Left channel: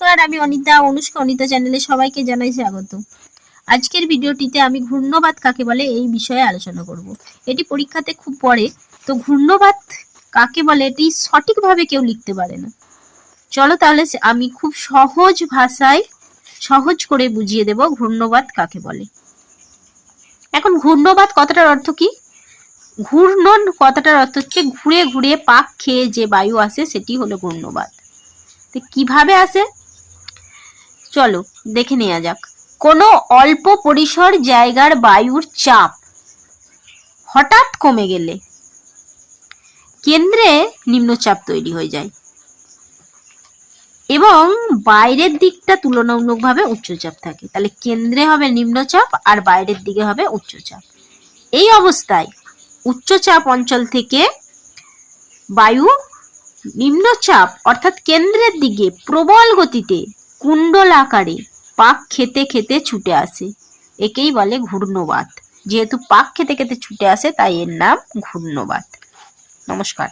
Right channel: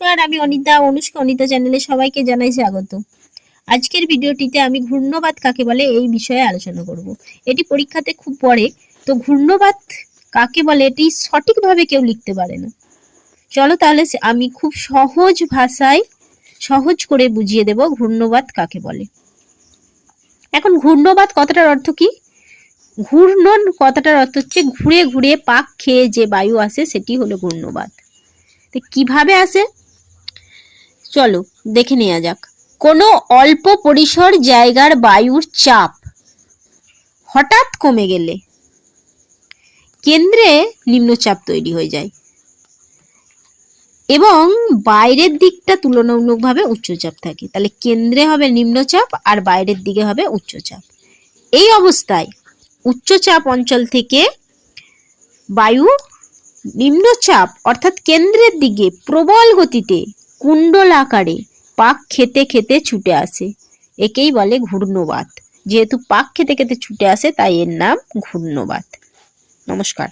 নমস্কার, আমি অনিতা, অনুষ্কা, অনিতা চ্যানেলে সবাইকে জানাই স্বাগত। আজকের ভিডিওটিতে আমি ঘূর্ণবাদ কাকে বলে এই বিষয়ে আলোচনা করব। এটি পরীক্ষাতে খুব পড়ে, তো ঘূর্ণবাদ কাকে বলে এটি সঠিকভাবে কেউ লিখতে পারে না। চলো তাহলে আমি খুব সহজ ভাষায় সহজ করে বুঝিয়ে দেব ঘূর্ণবাদ কাকে বলে। এখন ঘূর্ণবাদ কথাটার অর্থ কি? ঘূর্ণন কথাটার অর্থ হচ্ছে ঘুরে ঘুরে পাক খেয়ে যে বায়ু আসে সেটি হলো ঘূর্ণবাদ তো কীভাবে আসে? চলো, দেখে নেওয়া যাক। কোনো অল্প পরিসর জায়গার বায়ুর চাপ হঠাৎ কমে গেলে কেন্দ্রে নিম্নচাপ তৈরি হয়ে যায় এবং বাইরের দিকটা তুলনামূলকভাবে উচ্চচাপ থাকে। তাহলে কেন্দ্রে হবে নিম্নচাপ আর বাইরের দিকে হবে উচ্চচাপ। এই অবস্থায় উচ্চচাপ অঞ্চল থেকে বায়ু নিম্নচাপ অর্থাৎ কেন্দ্রের দিকে প্রবল গতিতে কুণ্ডল আকারে পাক খেতে খেতে ছুটে আসে। একেই বলে ঘূর্ণবাত। যেহেতু পাক খেতে খেতে ছুটে আসে, তাই এর নাম ঘূর্ণবাত। নমস্কার।